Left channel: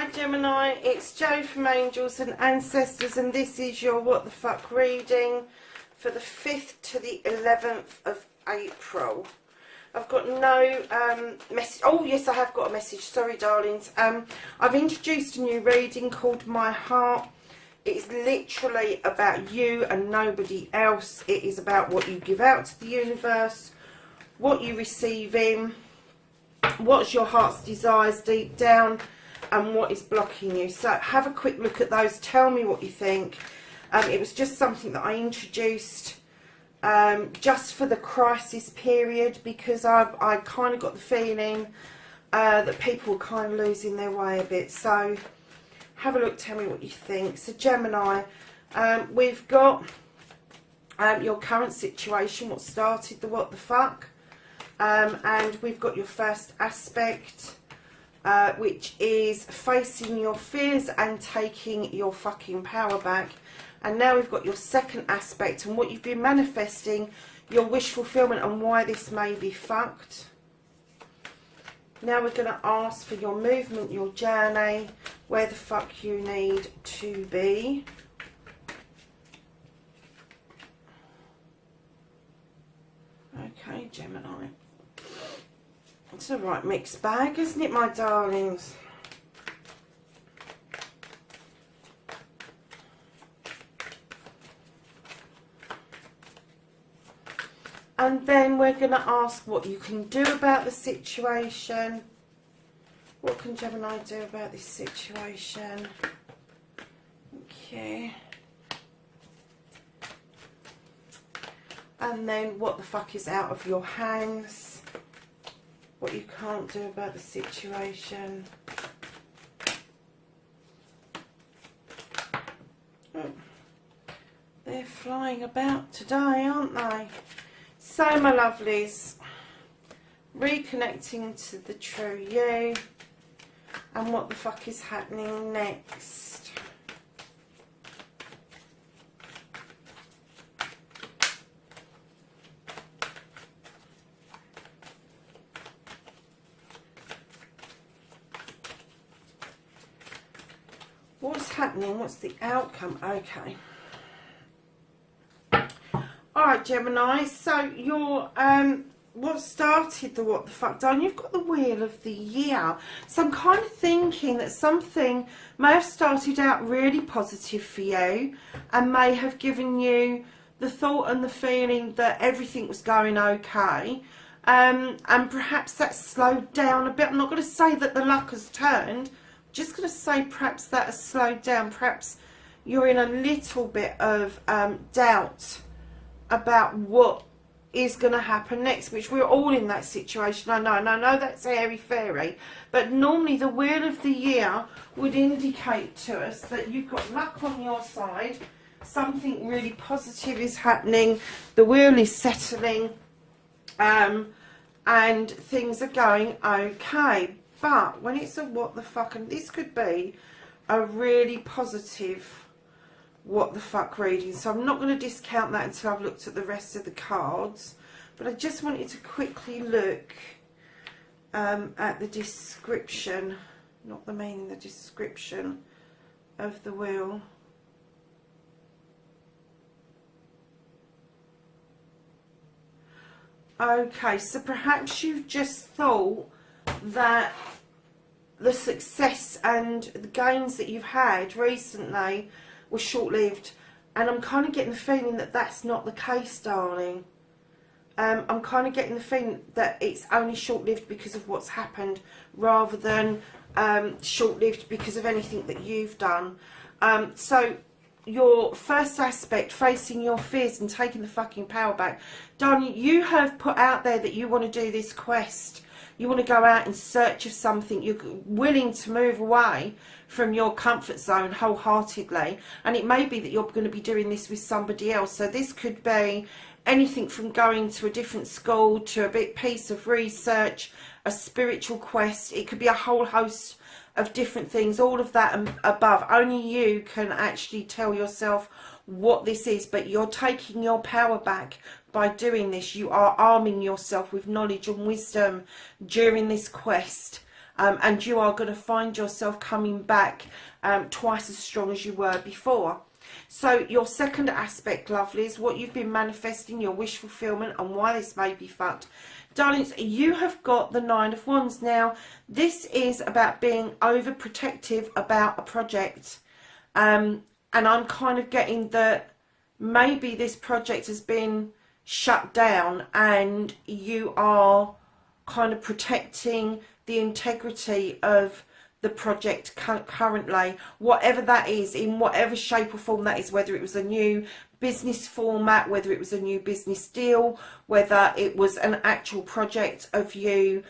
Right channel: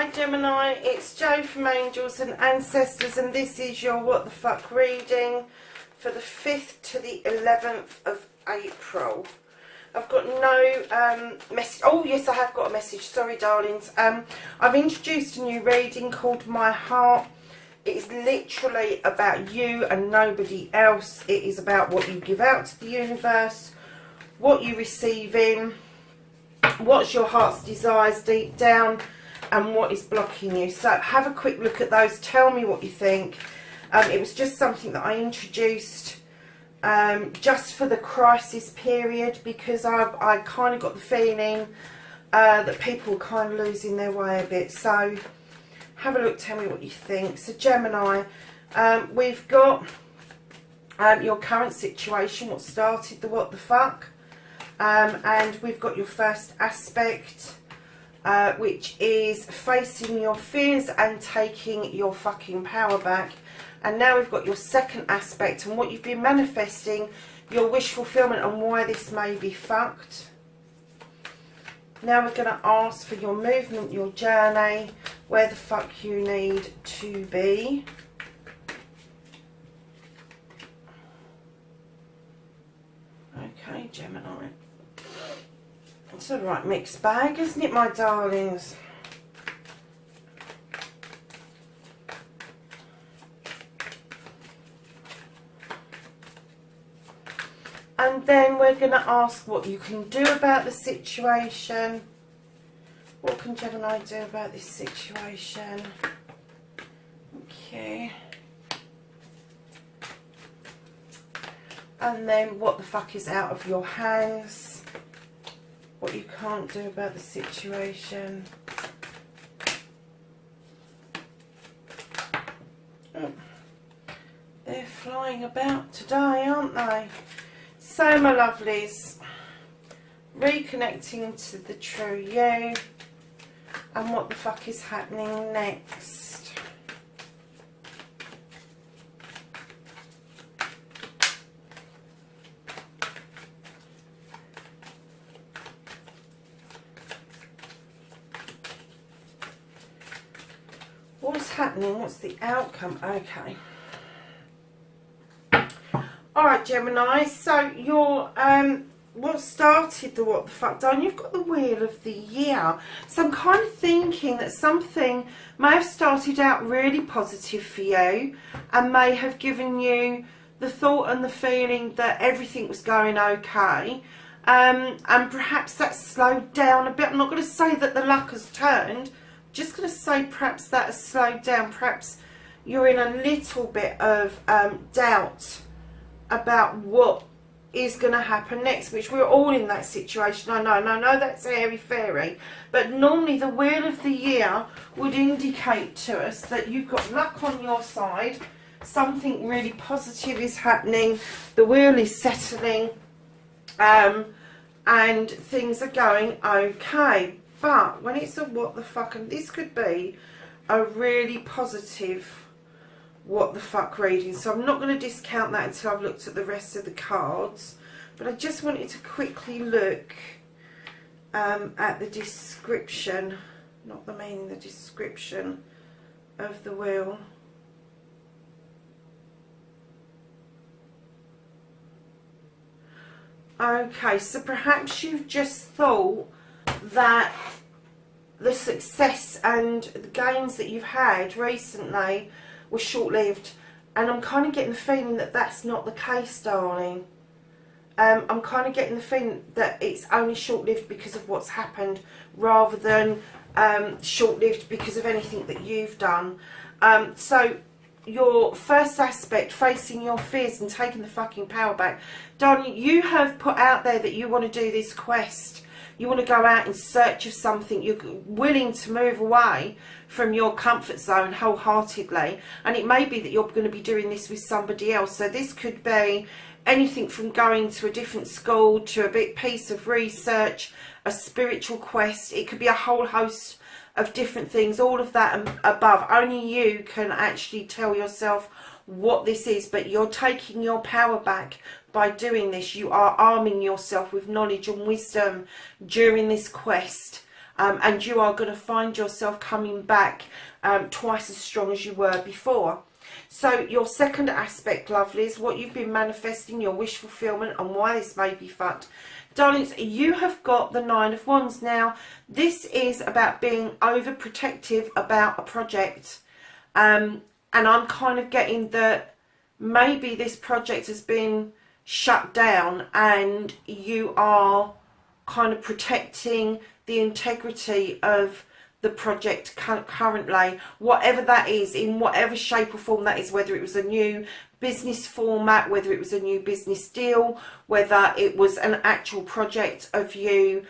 Hi Gemini, it's Jo from Angels and Ancestors, and this is your What the Fuck reading for the 5th to the 11th of April. I've got no message. Oh yes, I have got a message. Sorry darlings. I've introduced a new reading called My Heart. It is literally about you and nobody else. It is about what you give out to the universe, what you receive in, what's your heart's desires deep down, and what is blocking you. So have a quick look at those. Tell me what you think. It was just something that I introduced just for the crisis period, because I kind of got the feeling that people were kind of losing their way a bit. So have a look, tell me what you think. So Gemini, we've got your current situation, what started the what the fuck, and we've got your first aspect, which is facing your fears and taking your fucking power back. And now we've got your second aspect and what you've been manifesting, your wish fulfillment, and why this may be fucked. Now we're going to ask for your movement, your journey, where the fuck you need to be. Okay, Gemini. It's a right mixed bag, isn't it, my darlings? And then we're going to ask what you can do about the situation. What can Gemini do about this situation? Okay. And then what the fuck is out of your hands? What you can't do about the situation. Oh. They're flying about today, aren't they? So my lovelies, reconnecting to the true you, and what the fuck is happening next. What's happening? What's the outcome? Okay. Alright Gemini, so your what started the what the fuck done, you've got the Wheel of the Year. So I'm kind of thinking that something may have started out really positive for you and may have given you the thought and the feeling that everything was going okay, and perhaps that slowed down a bit. I'm not going to say that the luck has turned, I'm just going to say perhaps that has slowed down. Perhaps you're in a little bit of doubt about what is going to happen next, which we're all in that situation. I know, and I know that's airy-fairy, but normally the Wheel of the Year would indicate to us that you've got luck on your side, something really positive is happening, the wheel is settling, and things are going okay. But when it's a what the fuck, and this could be a really positive what the fuck reading, so I'm not going to discount that until I've looked at the rest of the cards, but I just wanted to quickly look at the description, not the meaning, the description of the wheel. Okay, so perhaps you've just thought that the success and the gains that you've had recently were short-lived, and I'm kind of getting the feeling that that's not the case, darling. I'm kind of getting the feeling that it's only short-lived because of what's happened, rather than short-lived because of anything that you've done. So your first aspect, facing your fears and taking the fucking power back, darling, you have put out there that you want to do this quest. You want to go out in search of something. You're willing to move away from your comfort zone wholeheartedly. And it may be that you're going to be doing this with somebody else. So this could be anything from going to a different school to a big piece of research, a spiritual quest. It could be a whole host of different things. All of that and above. Only you can actually tell yourself what this is. But you're taking your power back by doing this. You are arming yourself with knowledge and wisdom during this quest. and you are going to find yourself coming back twice as strong as you were before. So your second aspect, lovelies, what you've been manifesting, your wish fulfillment, and why this may be fucked. Darlings, you have got the Nine of Wands. Now, this is about being overprotective about a project. And I'm kind of getting that maybe this project has been shut down and you are kind of protecting the integrity of the project currently, whatever that is, in whatever shape or form that is, whether it was a new business format, whether it was a new business deal, whether it was an actual project of you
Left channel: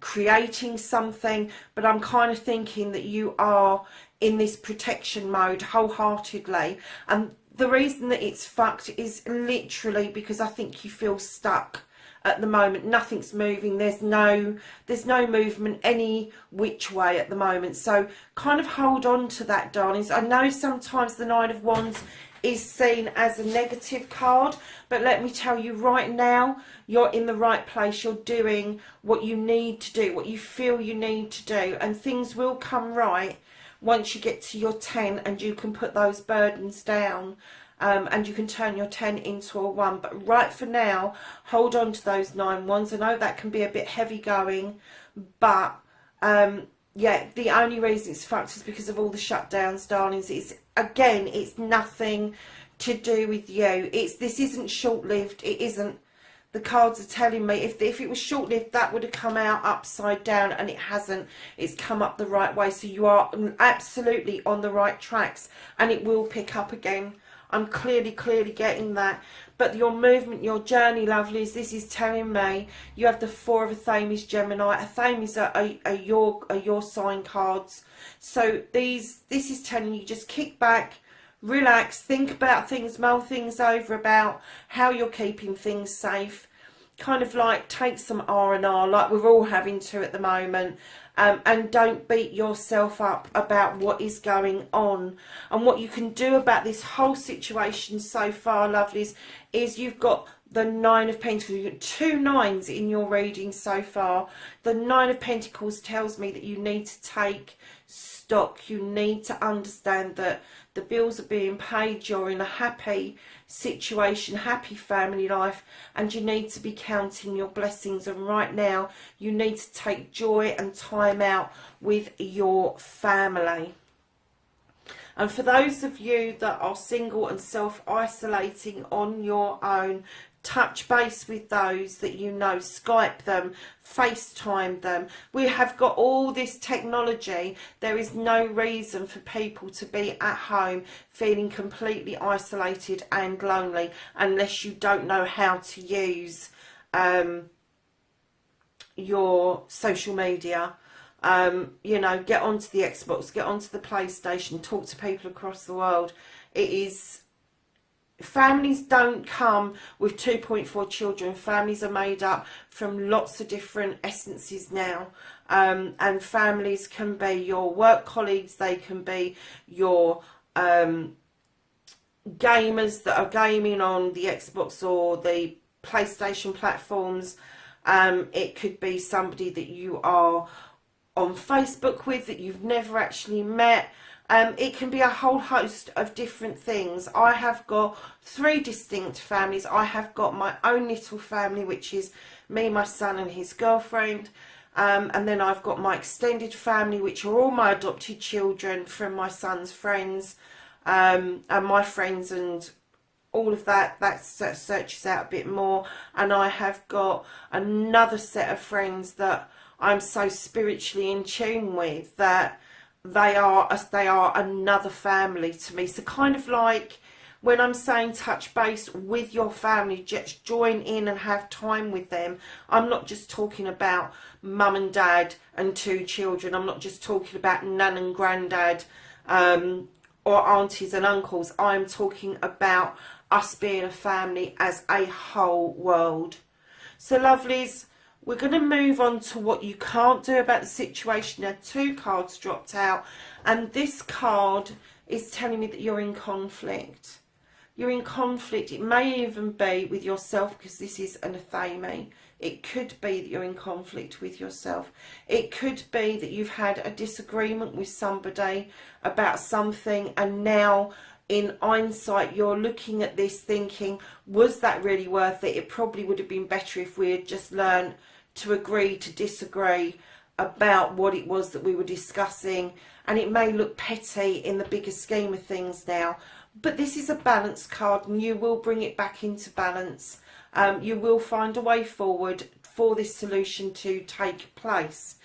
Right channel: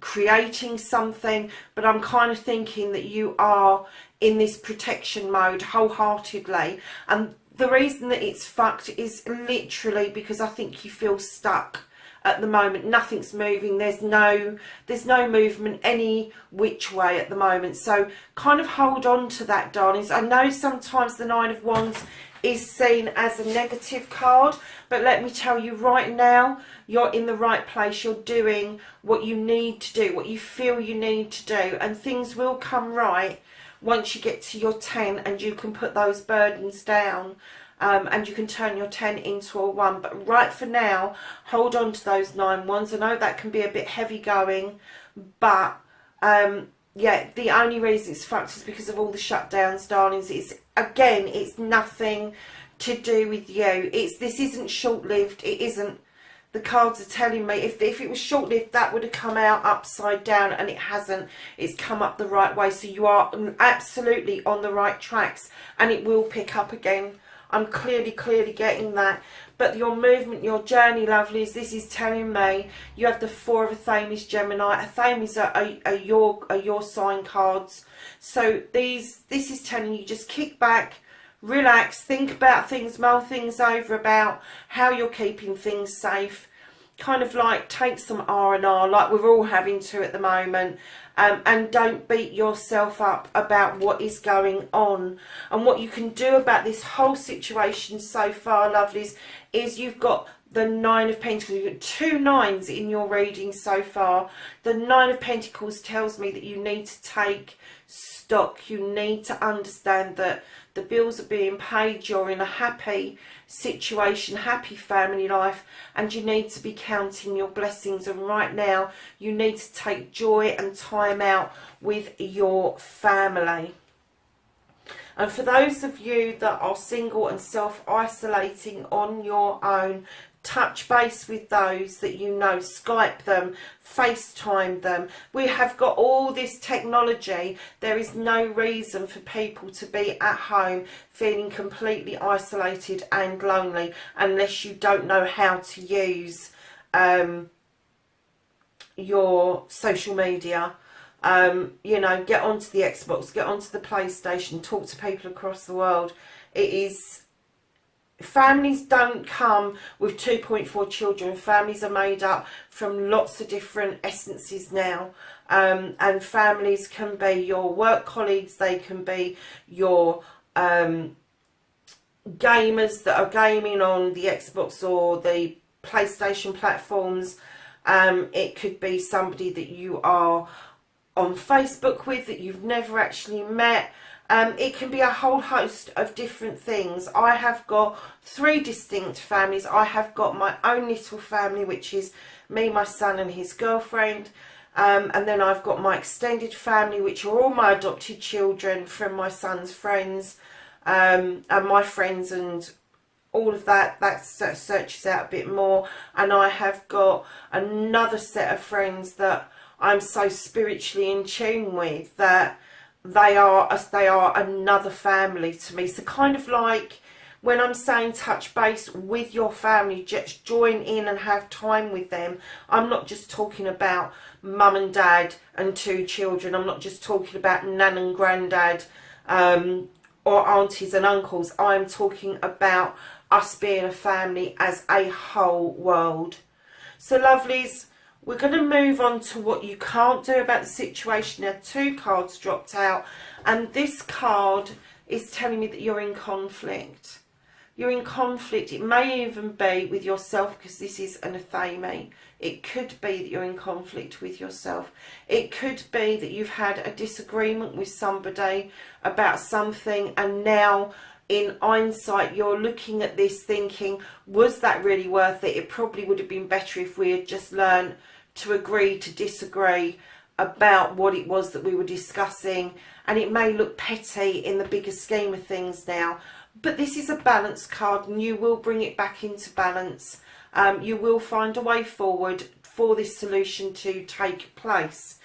creating something. But I'm kind of thinking that you are in this protection mode wholeheartedly, and the reason that it's fucked is literally because I think you feel stuck at the moment. Nothing's moving. There's no movement any which way at the moment. So kind of hold on to that, darlings. I know sometimes the Nine of Wands is seen as a negative card, but let me tell you right now, you're in the right place. You're doing what you need to do, what you feel you need to do, and things will come right once you get to your 10 and you can put those burdens down. And you can turn your 10 into a 1. But right for now, hold on to those 9 wands. I know that can be a bit heavy going, but yeah, the only reason it's fucked is because of all the shutdowns, darlings. It's, again, it's nothing to do with you. This isn't short-lived. It isn't. The cards are telling me if it was short-lived, that would have come out upside down, and it hasn't. It's come up the right way. So you are absolutely on the right tracks, and it will pick up again. I'm clearly getting that. But your movement, your journey, lovelies, this is telling me you have the Four of Athames, Gemini. Athames are your sign cards. So this is telling you just kick back, relax, think about things, mull things over about how you're keeping things safe. Kind of like take some R&R, like we're all having to at the moment. And don't beat yourself up about what is going on. And what you can do about this whole situation so far, lovelies, is you've got the Nine of Pentacles. You've got 2 9s in your reading so far. The Nine of Pentacles tells me that you need to take stock. You need to understand that the bills are being paid. You're in a happy situation, happy family life, and you need to be counting your blessings. And right now you need to take joy and time out with your family. And for those of you that are single and self-isolating on your own, touch base with those that you know, Skype them, FaceTime them. We have got all this technology. There is no reason for people to be at home feeling completely isolated and lonely unless you don't know how to use your social media. You know, get onto the Xbox, get onto the PlayStation, talk to people across the world. It is... Families don't come with 2.4 children. Families are made up from lots of different essences now. And families can be your work colleagues. They can be your gamers that are gaming on the Xbox or the PlayStation platforms. It could be somebody that you are on Facebook with that you've never actually met. It can be a whole host of different things. I have got 3 distinct families. I have got my own little family, which is me, my son and his girlfriend. And then I've got my extended family, which are all my adopted children from my son's friends. And my friends and all of that. That searches out a bit more. And I have got another set of friends that I'm so spiritually in tune with that they are another family to me. So kind of like when I'm saying touch base with your family, just join in and have time with them. I'm not just talking about mum and dad and 2 children. I'm not just talking about nan and granddad or aunties and uncles. I'm talking about us being a family as a whole world. So lovelies, we're going to move on to what you can't do about the situation. Now 2 cards dropped out, and this card is telling me that you're in conflict. You're in conflict. It may even be with yourself, because this is an Athame. It could be that you're in conflict with yourself. It could be that you've had a disagreement with somebody about something, and now in hindsight you're looking at this thinking, was that really worth it? It probably would have been better if we had just learned to agree to disagree about what it was that we were discussing. And it may look petty in the bigger scheme of things now, but this is a balance card, and you will bring it back into balance. You will find a way forward for this solution to take place.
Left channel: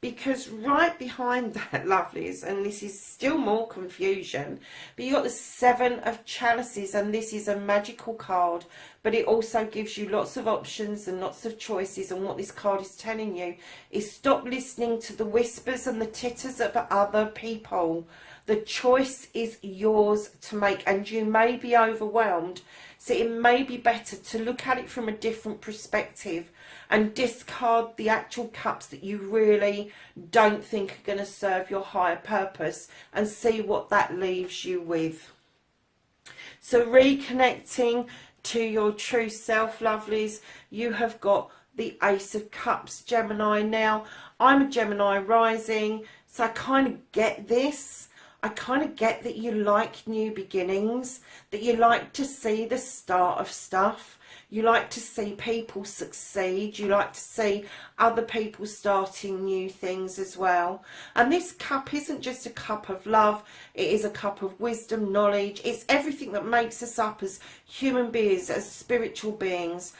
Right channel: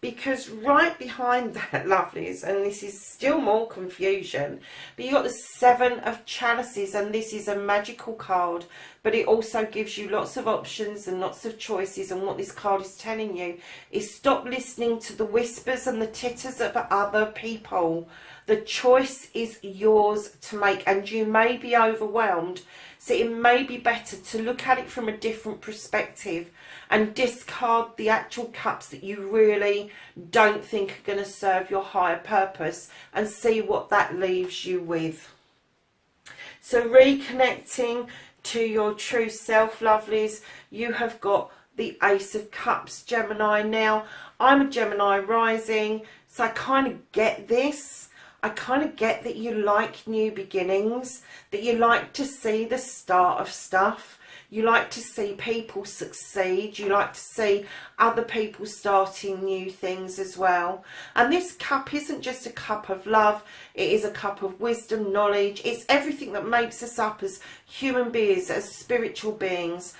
Because right behind that, lovelies, and this is still more confusion, but you've got the Seven of Chalices, and this is a magical card, but it also gives you lots of options and lots of choices. And what this card is telling you is stop listening to the whispers and the titters of other people. The choice is yours to make, and you may be overwhelmed, so it may be better to look at it from a different perspective and discard the actual cups that you really don't think are going to serve your higher purpose, and see what that leaves you with. So reconnecting to your true self, lovelies, you have got the Ace of Cups, Gemini. Now, I'm a Gemini rising, so I kind of get this. I kind of get that you like new beginnings, that you like to see the start of stuff. You like to see people succeed. You like to see other people starting new things as well. And this cup isn't just a cup of love. It is a cup of wisdom, knowledge. It's everything that makes us up as human beings, as spiritual beings.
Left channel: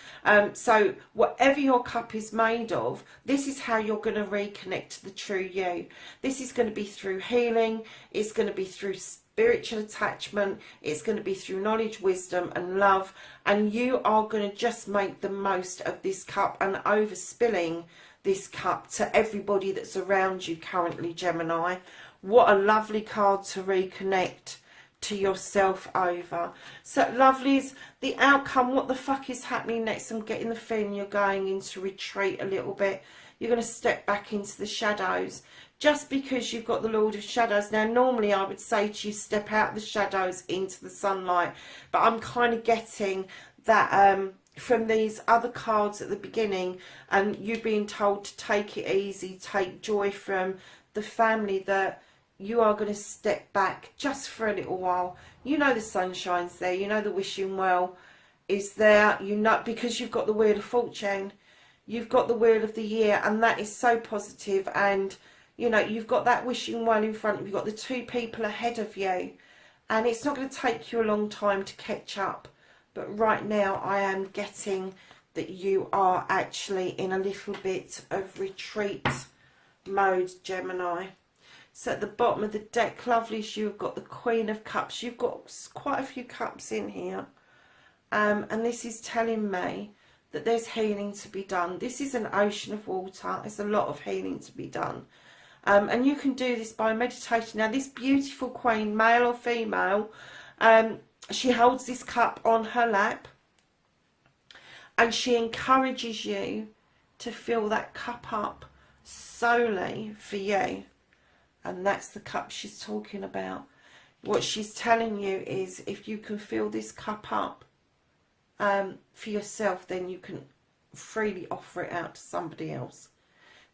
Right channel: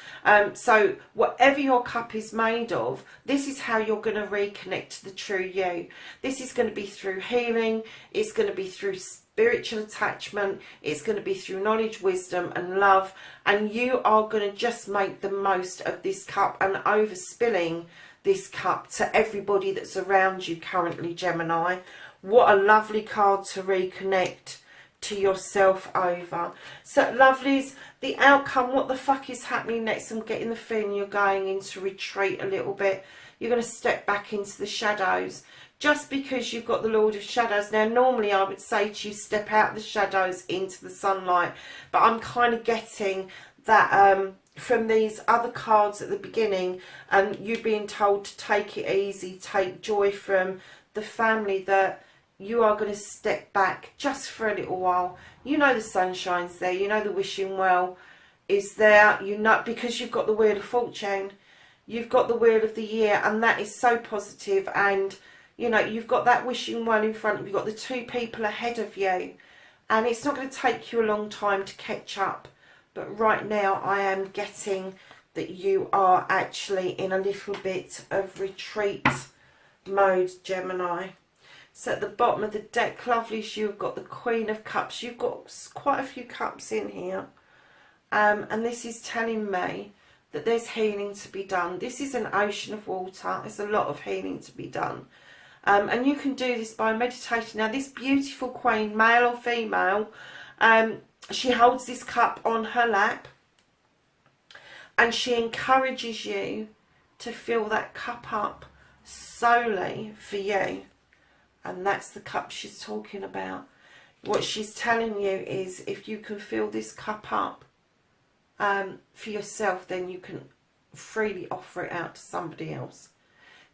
So whatever your cup is made of, this is how you're going to reconnect to the true you. This is going to be through healing. It's going to be through spiritual attachment. It's going to be through knowledge, wisdom and love. And you are going to just make the most of this cup and overspilling this cup to everybody that's around you currently, Gemini. What a lovely card to reconnect to yourself over. So, lovelies, the outcome, what the fuck is happening next? I'm getting the feeling you're going into retreat a little bit. You're going to step back into the shadows. Just because you've got the Lord of Shadows. Now, normally I would say to you, step out of the shadows into the sunlight. But I'm kind of getting that from these other cards at the beginning, and you being told to take it easy, take joy from the family, that you are going to step back just for a little while. You know the sunshine's there. You know the wishing well is there. You know, because you've got the Wheel of Fortune. You've got the Wheel of the Year, and that is so positive. And you know, you've got that wishing well in front of you. You've got the two people ahead of you. And it's not going to take you a long time to catch up. But right now I am getting that you are actually in a little bit of retreat mode, Gemini. So at the bottom of the deck, lovelies, you've got the Queen of Cups. You've got quite a few cups in here. And this is telling me that there's healing to be done. This is an ocean of water. There's a lot of healing to be done. And you can do this by meditating. Now, this beautiful queen, male or female, she holds this cup on her lap, and she encourages you to fill that cup up solely for you. And that's the cup she's talking about. What she's telling you is, if you can fill this cup up for yourself, then you can freely offer it out to somebody else.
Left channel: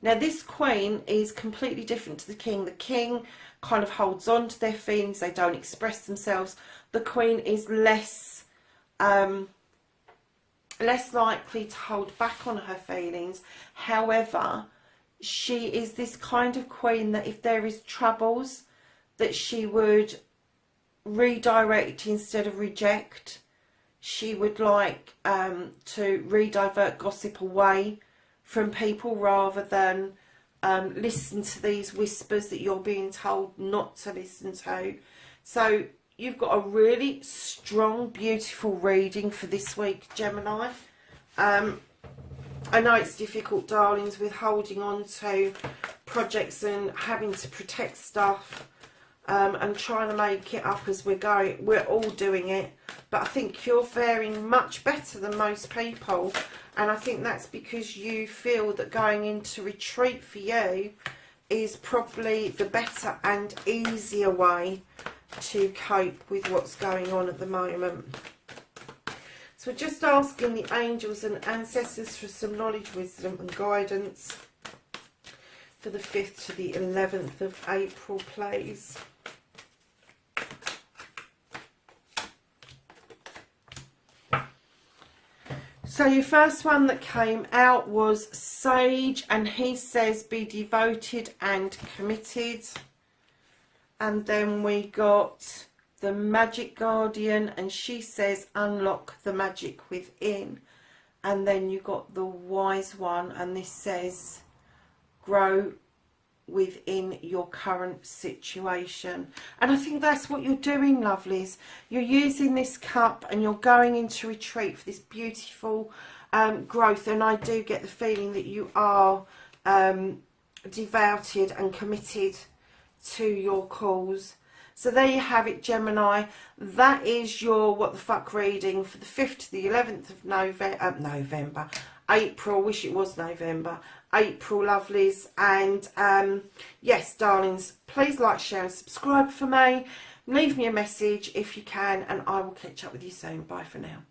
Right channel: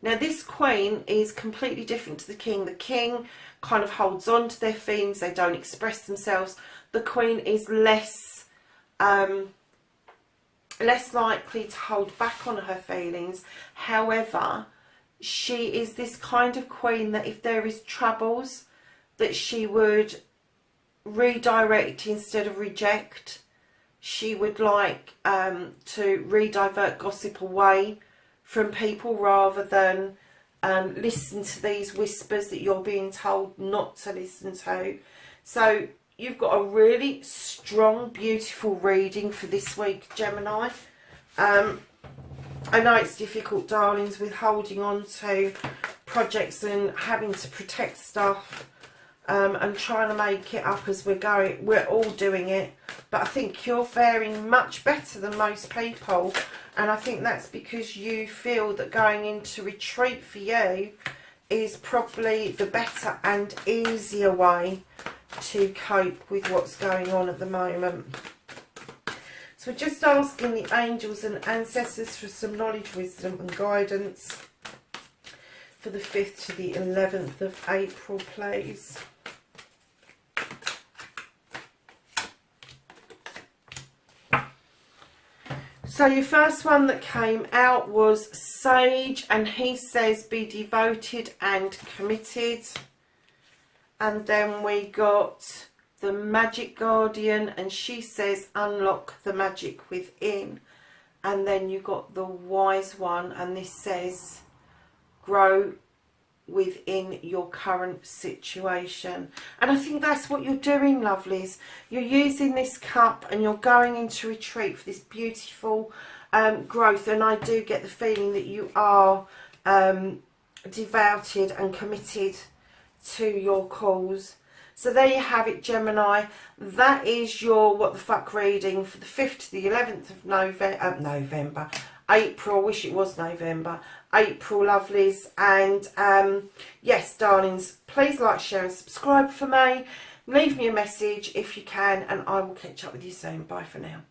Now, this queen is completely different to the king. The king kind of holds on to their feelings. They don't express themselves. The queen is less likely to hold back on her feelings. However, she is this kind of queen that if there is troubles, that she would redirect instead of reject. She would like to redivert gossip away from people rather than listen to these whispers that you're being told not to listen to. So you've got a really strong, beautiful reading for this week, Gemini. I know it's difficult, darlings, with holding on to projects and having to protect stuff and trying to make it up as we're going. We're all doing it, but I think you're faring much better than most people. And I think that's because you feel that going into retreat for you is probably the better and easier way to cope with what's going on at the moment. So So we're just asking the angels and ancestors for some knowledge, wisdom and guidance for the 5th to the 11th of April, please. So your first one that came out was Sage, and he says be devoted and committed. And then we got the Magic Guardian, and she says unlock the magic within. And then you got the Wise One, and this says grow within your current situation. And I think that's what you're doing, lovelies. You're using this cup and you're going into retreat for this beautiful growth. And I do get the feeling that you are devoted and committed to your cause. So there you have it, Gemini. That is your what the fuck reading for the 5th to the 11th of April. I wish it was November. April, lovelies. And yes, darlings, please like, share and subscribe for me. Leave me a message if you can, and I will catch up with you soon. Bye for now.